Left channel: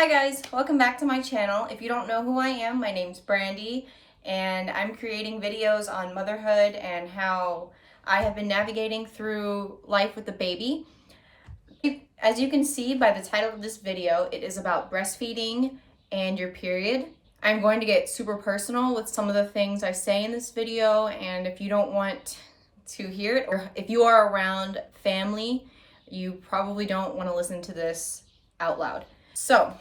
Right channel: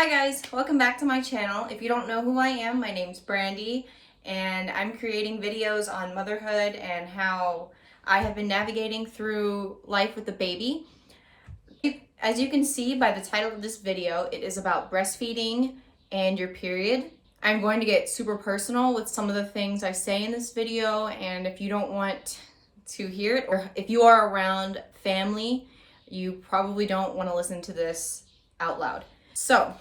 Hi guys, welcome back to my channel. If you don't know who I am, my name's Brandy and I'm creating videos on motherhood and how I have been navigating through life with a baby. As you can see by the title of this video, it is about breastfeeding and your period. I'm going to get super personal with some of the things I say in this video, and if you don't want to hear it, or if you are around family, you probably don't want to listen to this out loud. So,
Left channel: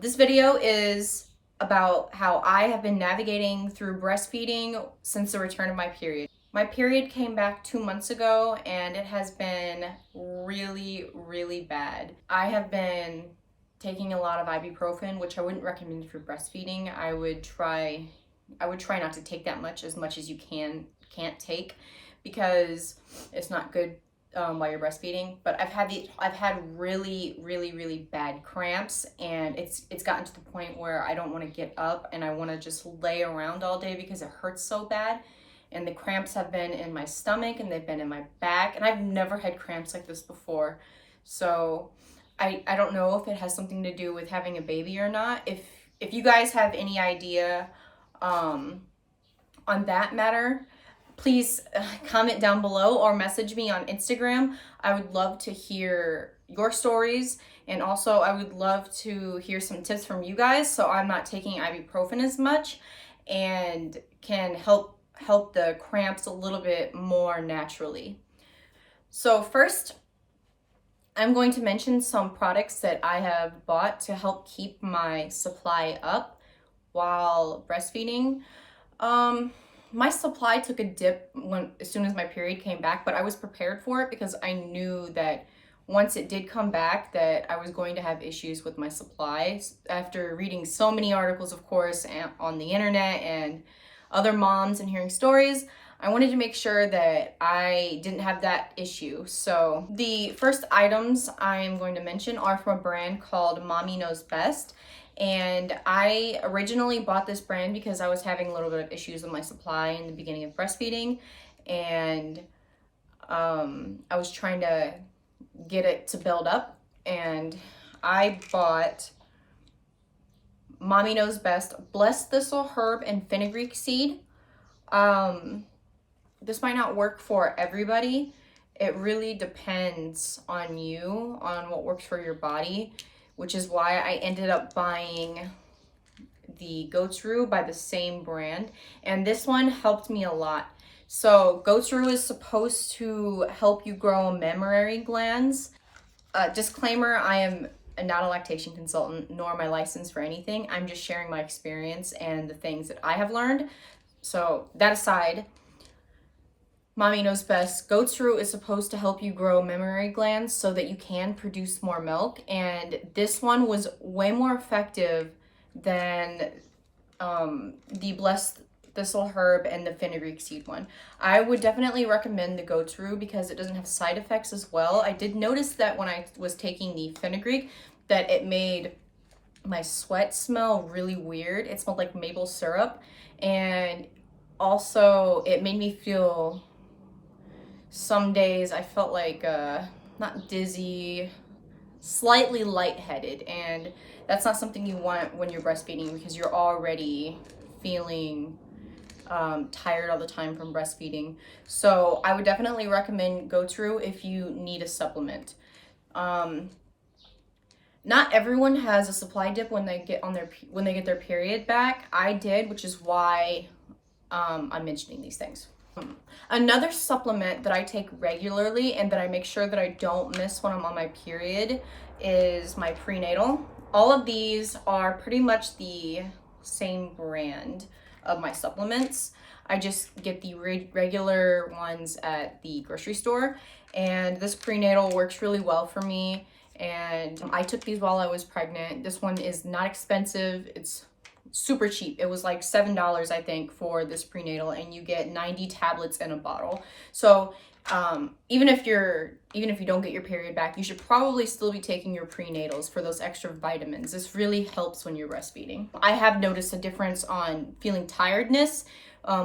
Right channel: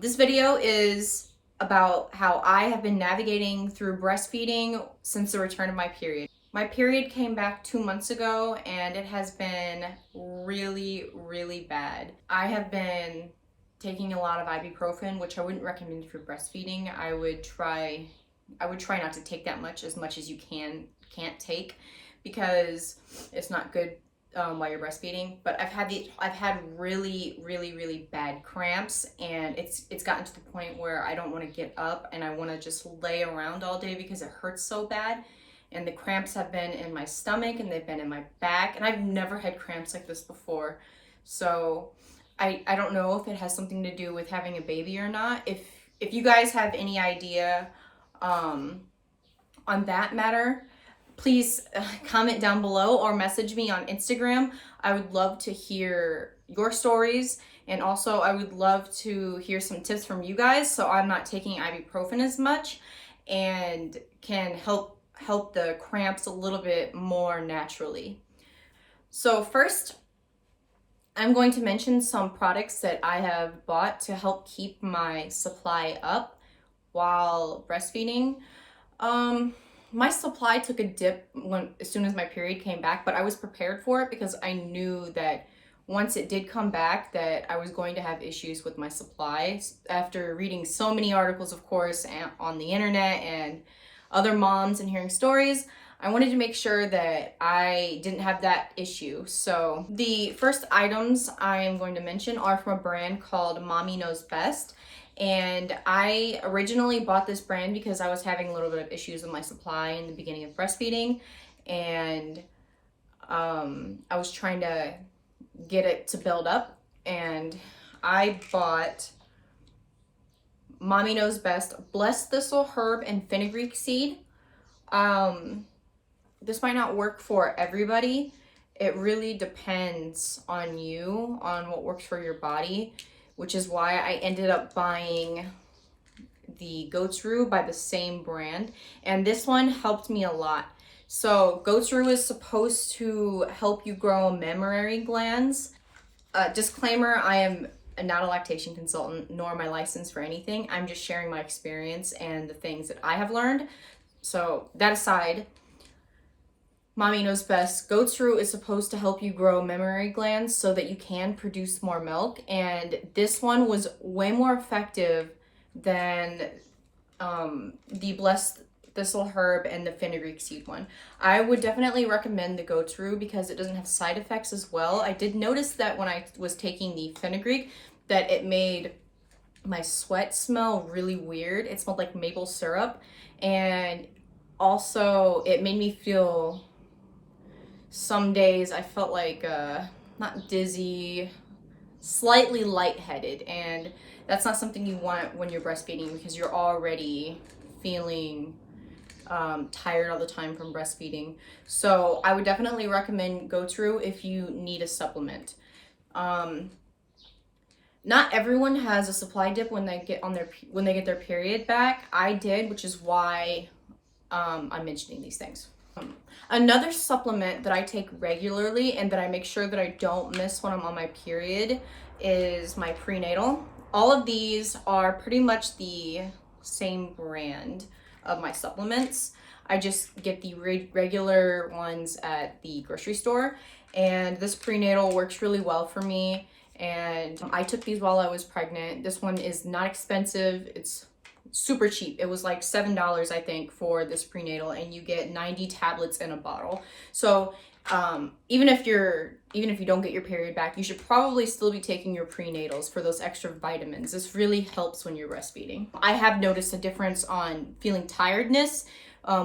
this video is about how I have been navigating through breastfeeding since the return of my period. My period came back 2 months ago and it has been really bad. I have been taking a lot of ibuprofen, which I wouldn't recommend for breastfeeding. I would try not to take that much as you can't take, because it's not good while you're breastfeeding. But I've had really bad cramps, and it's gotten to the point where I don't want to get up and I want to just lay around all day because it hurts so bad. And the cramps have been in my stomach and they've been in my back, and I've never had cramps like this before. So I don't know if it has something to do with having a baby or not. If you guys have any idea on that matter, please comment down below or message me on Instagram. I would love to hear your stories, and also I would love to hear some tips from you guys so I'm not taking ibuprofen as much and can help the cramps a little bit more naturally. So first, I'm going to mention some products that I have bought to help keep my supply up while breastfeeding. My supply took a dip as soon as my period came back, but I was prepared for it because I knew that once it did come back that I was going to have issues with my supplies. After reading so many articles, of course, on the internet and other moms and hearing stories, I wanted to make sure that I didn't have that issue. So the first items I'm going to mention are from a brand called Mommy Knows Best. And I originally bought this brand because I was having a little bit of issues with my supply in the beginning of breastfeeding. And I was trying to get it to build up. And I bought Mommy Knows Best Blessed Thistle Herb and Fenugreek Seed. This might not work for everybody. It really depends on you, on what works for your body, which is why I ended up buying the Goat's Rue by the same brand. And this one helped me a lot. So Goat's Rue is supposed to help you grow mammary glands. Disclaimer, I am not a lactation consultant, nor am I licensed for anything. I'm just sharing my experience and the things that I have learned. So that aside, Mommy Knows Best Goat's Rue is supposed to help you grow mammary glands so that you can produce more milk. And this one was way more effective than the Blessed Thistle Herb and the Fenugreek Seed one. I would definitely recommend the Goat's Rue because it doesn't have side effects as well. I did notice that when I was taking the fenugreek that it made my sweat smell really weird. It smelled like maple syrup, and also it made me feel, some days I felt like not dizzy, slightly lightheaded, and that's not something you want when you're breastfeeding because you're already feeling tired all the time from breastfeeding. So I would definitely recommend Goat's Rue if you need a supplement. Not everyone has a supply dip when they get their period back. I did, which is why I'm mentioning these things. Another supplement that I take regularly and that I make sure that I don't miss when I'm on my period is my prenatal. All of these are pretty much the same brand of my supplements. I just get the regular ones at the grocery store, and this prenatal works really well for me. And I took these while I was pregnant. This one is not expensive. It's super cheap. It was like $7, I think, for this prenatal, and you get 90 tablets in a bottle. So even if you don't get your period back, you should probably still be taking your prenatals for those extra vitamins. This really helps when you're breastfeeding. I have noticed a difference on feeling tiredness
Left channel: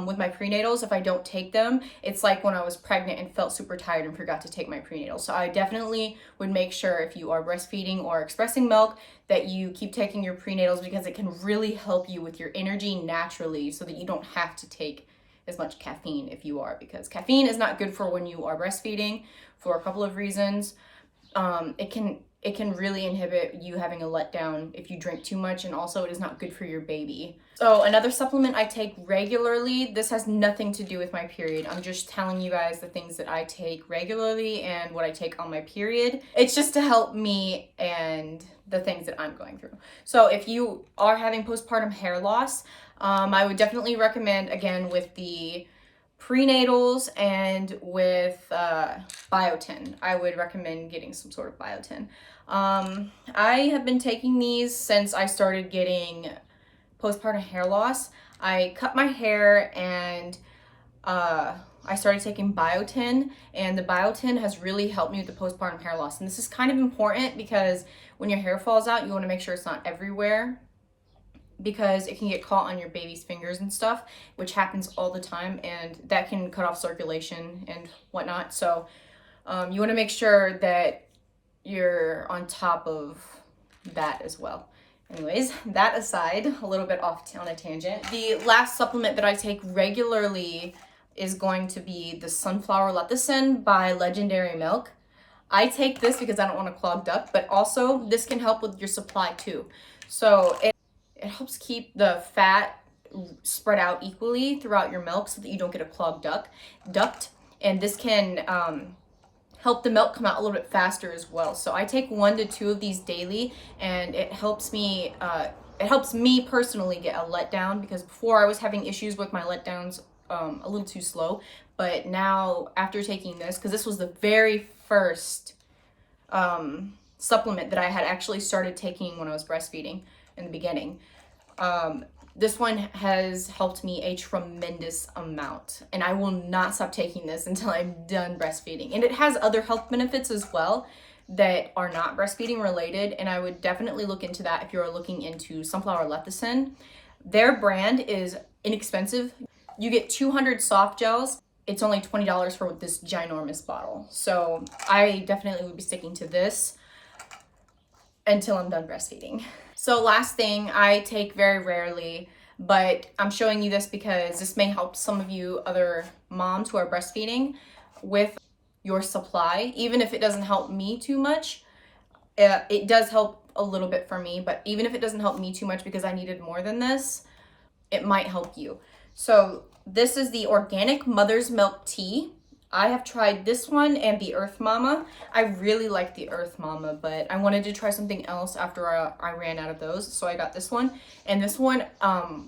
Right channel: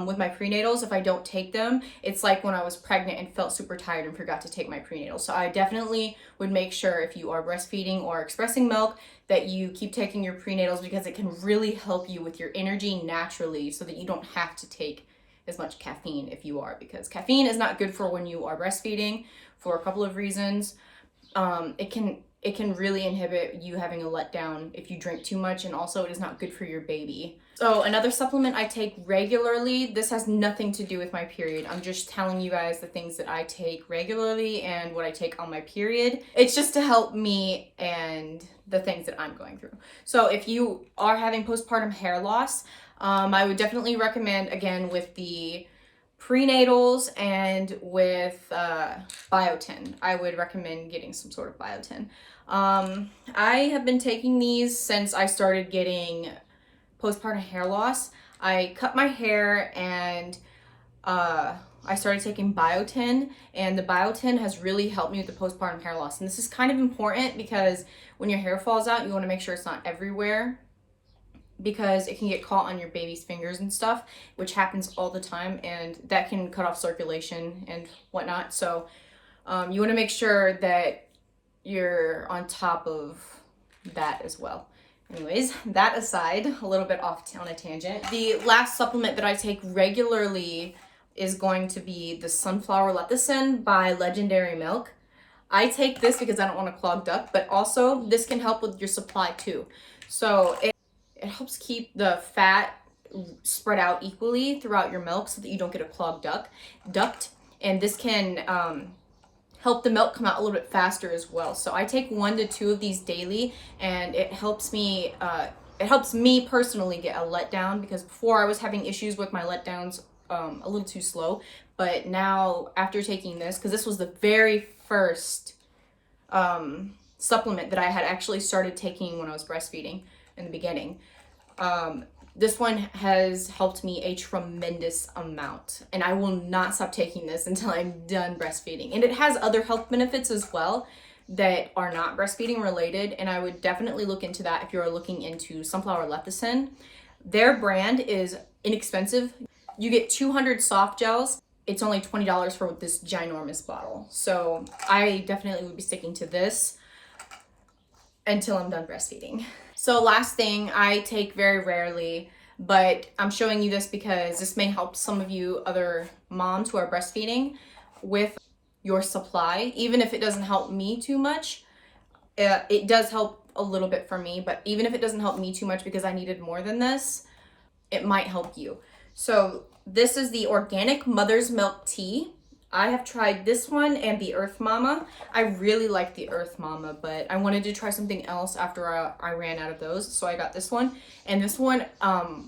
with my prenatals. If I don't take them, it's like when I was pregnant and felt super tired and forgot to take my prenatals. So I definitely would make sure if you are breastfeeding or expressing milk that you keep taking your prenatals, because it can really help you with your energy naturally so that you don't have to take as much caffeine if you are, because caffeine is not good for when you are breastfeeding for a couple of reasons. It can really inhibit you having a letdown if you drink too much, and also it is not good for your baby. So another supplement I take regularly, this has nothing to do with my period. I'm just telling you guys the things that I take regularly and what I take on my period. It's just to help me and the things that I'm going through. So if you are having postpartum hair loss, I would definitely recommend, again, with the prenatals and with biotin, I would recommend getting some sort of biotin. I have been taking these since I started getting postpartum hair loss. I cut my hair and I started taking biotin, and the biotin has really helped me with the postpartum hair loss. And this is kind of important because when your hair falls out, you want to make sure it's not everywhere, because it can get caught on your baby's fingers and stuff, which happens all the time, and that can cut off circulation and whatnot. So you want to make sure that you're on top of that as well. Anyways, that aside, a little bit off on a tangent. The last supplement that I take regularly is going to be the sunflower lecithin by Legendary Milk. I take this because I don't want a clogged duct, but also this can help with your supply too. So it helps keep the fat spread out equally throughout your milk so that you don't get a clogged duct. And this can help the milk come out a little bit faster as well. So I take 1 to 2 of these daily, and it helps me personally get a letdown, because before I was having issues with my letdowns a little too slow. But now, after taking this, because this was the very first supplement that I had actually started taking when I was breastfeeding in the beginning, this one has helped me a tremendous amount, and I will not stop taking this until I'm done breastfeeding. And it has other health benefits as well that are not breastfeeding related, and I would definitely look into that if you're looking into sunflower lecithin. Their brand is inexpensive. You get 200 soft gels. It's only $20 for this ginormous bottle. So I definitely would be sticking to this until I'm done breastfeeding. So last thing I take very rarely, but I'm showing you this because this may help some of you other moms who are breastfeeding with your supply. Even if it doesn't help me too much, it does help a little bit for me, but even if it doesn't help me too much because I needed more than this, it might help you. So this is the organic mother's milk tea. I have tried this one and the Earth Mama. I really like the Earth Mama, but I wanted to try something else after I ran out of those. So I got this one, and this one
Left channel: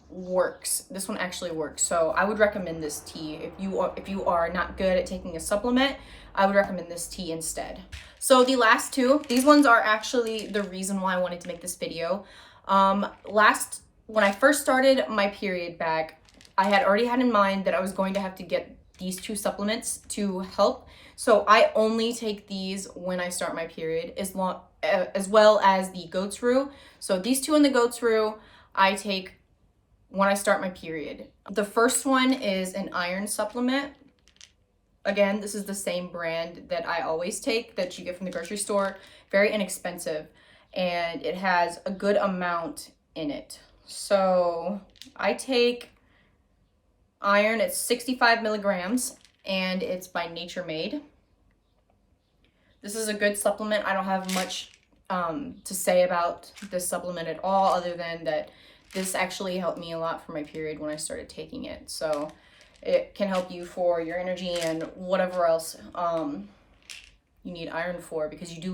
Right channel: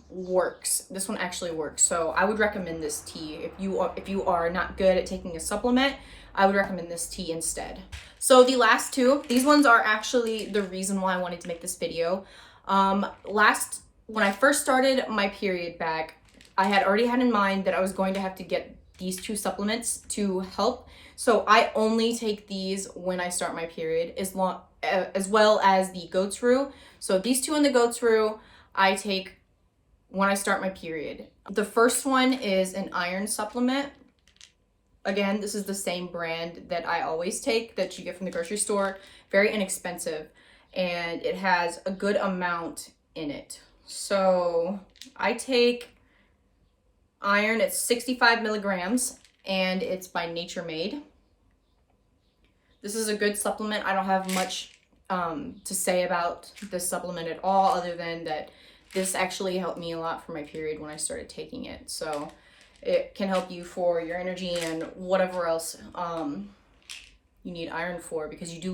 works. This one actually works. So I would recommend this tea. If you are not good at taking a supplement, I would recommend this tea instead. So the last two, these ones are actually the reason why I wanted to make this video. When I first started my period back, I had already had in mind that I was going to have to get these 2 supplements to help. So I only take these when I start my period, as well as the goat's rue. So these 2 and the goat's rue I take when I start my period. The first one is an iron supplement. Again, this is the same brand that I always take, that you get from the grocery store. Very inexpensive, and it has a good amount in it. So I take iron, it's 65 milligrams, and it's by Nature Made. This is a good supplement. I don't have much to say about this supplement at all, other than that this actually helped me a lot for my period when I started taking it. So it can help you for your energy and whatever else you need iron for, because you do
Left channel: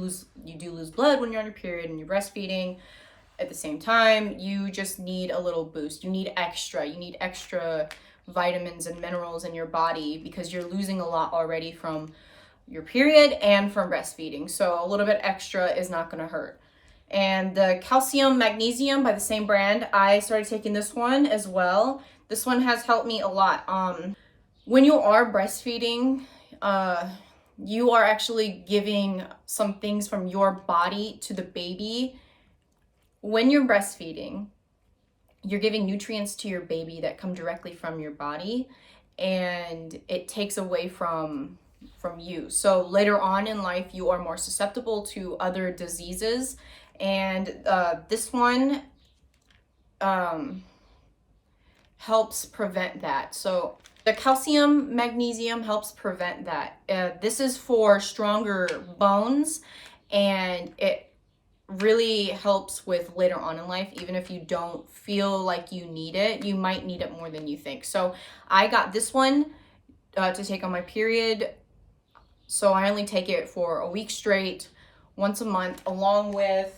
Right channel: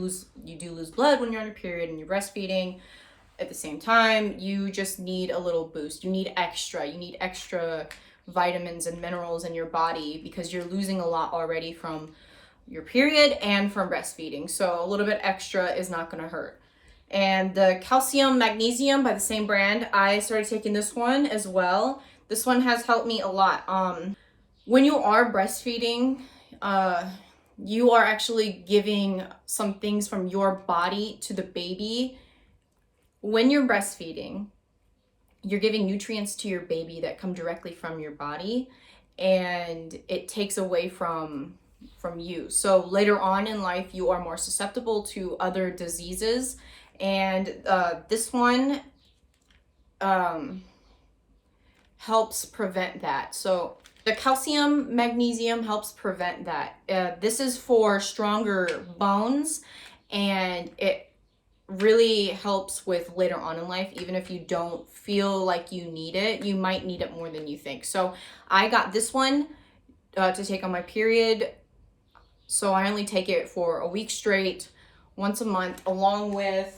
lose blood when you're on your period and you're breastfeeding. At the same time, you just need a little boost. You need extra vitamins and minerals in your body, because you're losing a lot already from your period and from breastfeeding. So a little bit extra is not going to hurt. And the calcium magnesium by the same brand, I started taking this one as well. This one has helped me a lot. When you are breastfeeding, you are actually giving some things from your body to the baby. When you're breastfeeding, you're giving nutrients to your baby that come directly from your body, and it takes away from you. So later on in life, you are more susceptible to other diseases, and this one helps prevent that. So the calcium magnesium helps prevent that. This is for stronger bones, and it really helps with later on in life. Even if you don't feel like you need it, you might need it more than you think. So I got this one to take on my period. So I only take it for a week straight, once a month, along with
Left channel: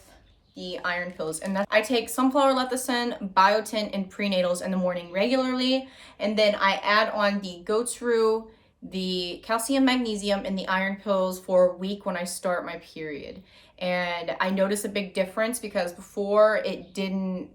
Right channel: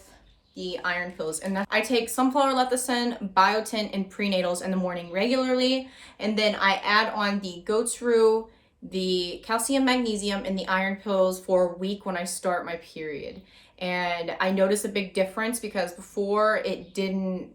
the iron pills. And that I take sunflower lecithin, biotin, and prenatals in the morning regularly. And then I add on the goat's rue, the calcium, magnesium, and the iron pills for a week when I start my period. And I notice a big difference because before it didn't,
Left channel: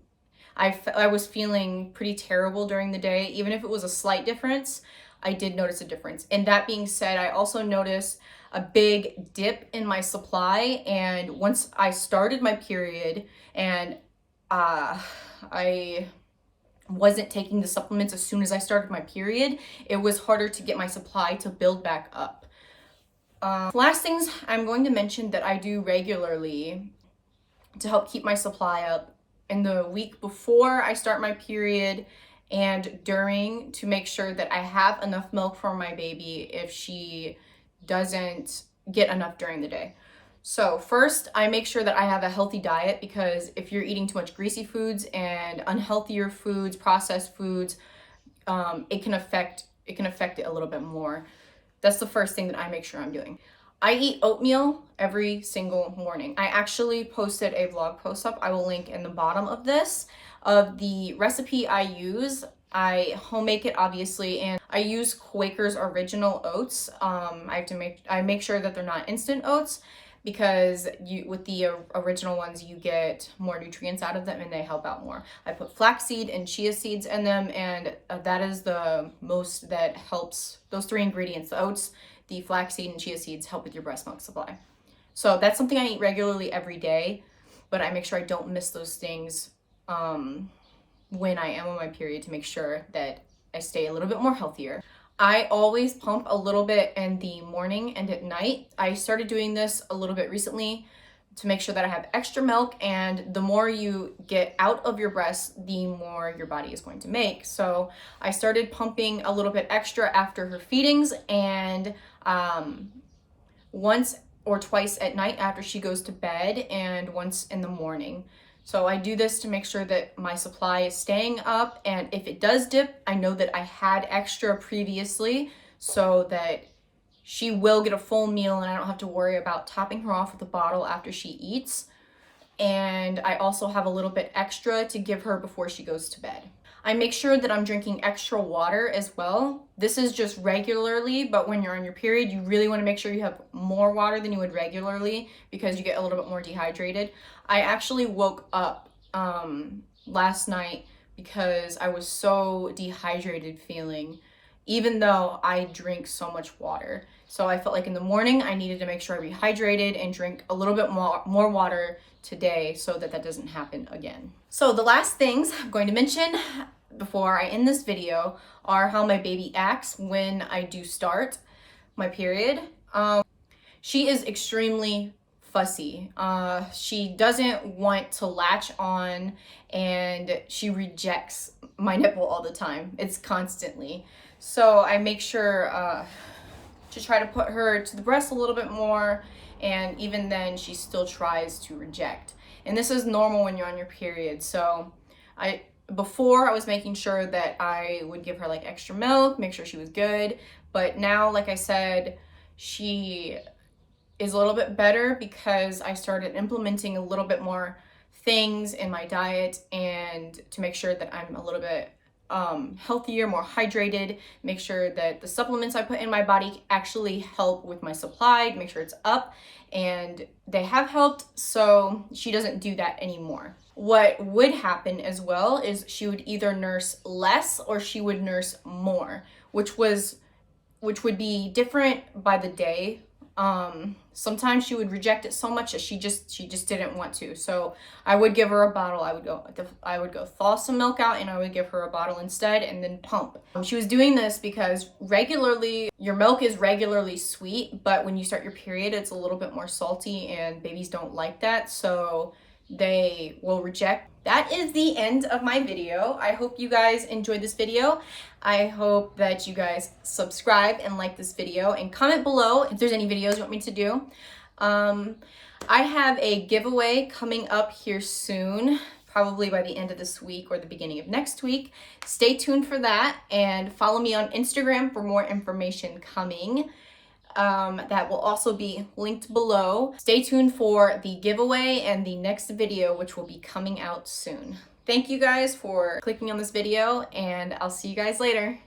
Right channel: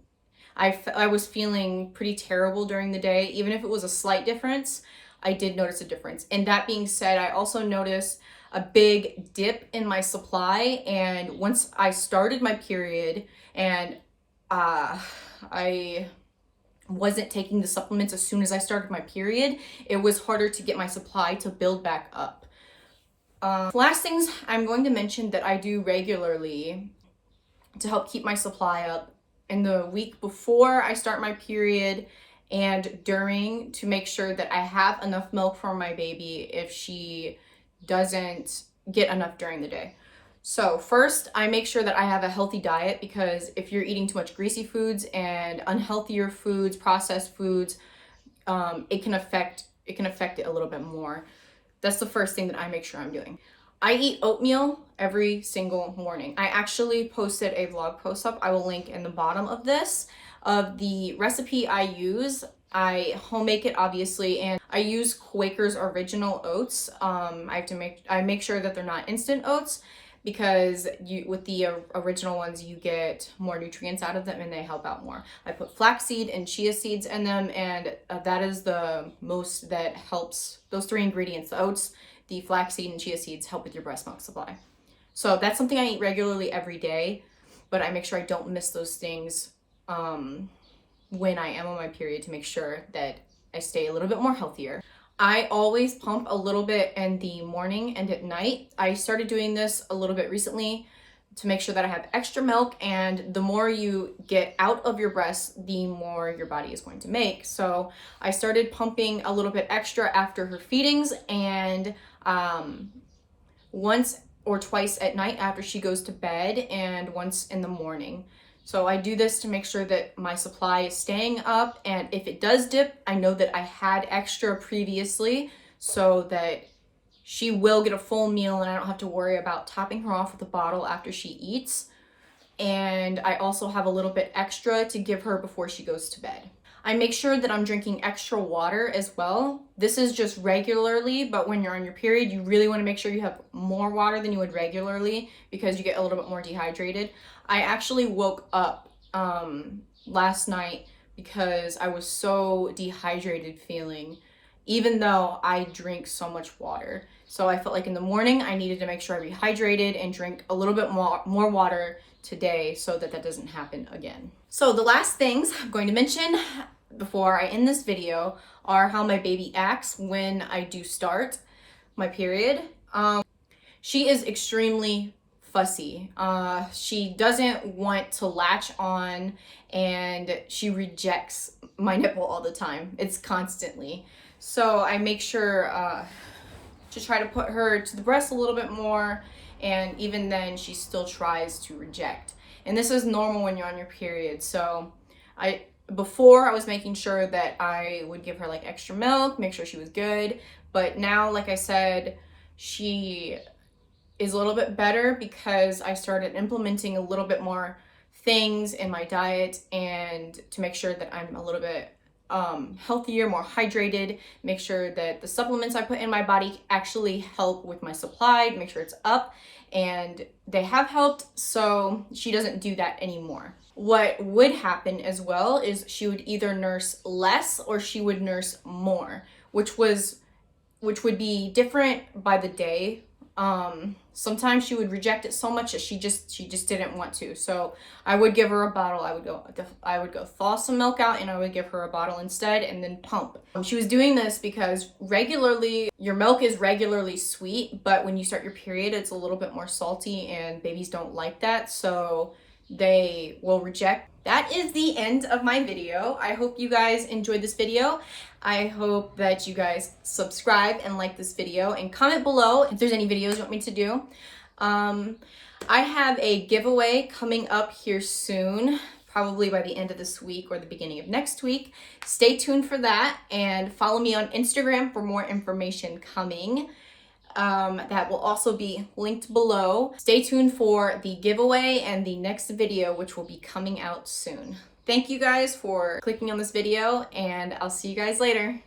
I was feeling pretty terrible during the day. Even if it was a slight difference, I did notice a difference. And that being said, I also noticed a big dip in my supply. And once I started my period and I wasn't taking the supplements as soon as I started my period, it was harder to get my supply to build back up. Last things I'm going to mention that I do regularly to help keep my supply up in the week before I start my period and during, to make sure that I have enough milk for my baby if she doesn't get enough during the day. So first, I make sure that I have a healthy diet, because if you're eating too much greasy foods and unhealthier foods, processed foods, it can affect it a little bit more. That's the first thing that I make sure I'm doing. I eat oatmeal every single morning. I actually posted a vlog post up. I will link in the bottom of this, of the recipe I use. I homemade it, obviously, and I use Quaker's original oats. I make sure that they're not instant oats, because with the original ones, you get more nutrients out of them and they help out more. I put flaxseed and chia seeds in them, and that is the most that helps. Those three ingredients, the oats, the flaxseed, and chia seeds, help with your breast milk supply. So that's something I eat regularly every day, but I make sure I don't miss those things when I am on my period, to make sure that I stay a little bit more healthier. I always pump a little bit in the morning and at night. I started doing this a little bit recently to make sure that I have extra milk, and the more you get out of your breast, the more your body is going to make. So I started pumping a little bit extra after her feedings, and once or twice at night after she goes to bed, and once in the morning. So I do this to make sure that my supply is staying up, and if it does dip, I know that I had extra previously, so that she will get a full meal and I don't have to worry about topping her off with a bottle after she eats. And I also have a little bit extra to give her before she goes to bed. I make sure that I'm drinking extra water as well. This is just regularly, but when you're on your period, you really want to make sure you have more water than you would regularly, because you get a little bit more dehydrated. I actually woke up last night because I was so dehydrated feeling, even though I drink so much water. So I felt like in the morning I needed to make sure I rehydrated and drink a little bit more water today, so that doesn't happen again. So the last things I'm going to mention before I end this video are how my baby acts when I do start my period. She is extremely fussy. She doesn't want to latch on, and she rejects my nipple all the time. It's constantly. So I make sure to try to put her to the breast a little bit more, and even then she still tries to reject. And this is normal when you're on your period. So before I was making sure that I would give her like extra milk, make sure she was good. But now, like I said, she is a little bit better because I started implementing a little bit more things in my diet, and to make sure that I'm a little bit healthier, more hydrated, make sure that the supplements I put in my body actually help with my supply, make sure it's up, and they have helped. So she doesn't do that anymore. What would happen as well is she would either nurse less or she would nurse more, which would be different by the day. Sometimes she would reject it so much that she just didn't want to. So I would give her a bottle. I would go thaw some milk out and I would give her a bottle instead and then pump. She was doing this because regularly your milk is regularly sweet, but when you start your period, it's a little bit more salty and babies don't like that. So they will reject. That is the end of my video. I hope you guys enjoyed this video. I hope that you guys subscribe and like this video and comment below if there's any videos you want me to do. I have a giveaway coming up here soon, probably by the end of this week or the beginning of next week. Stay tuned for that and follow me on Instagram for more information coming. That will also be linked below. Stay tuned for the giveaway and the next video, which will be coming out soon. Thank you guys for clicking on this video, and I'll see you guys later.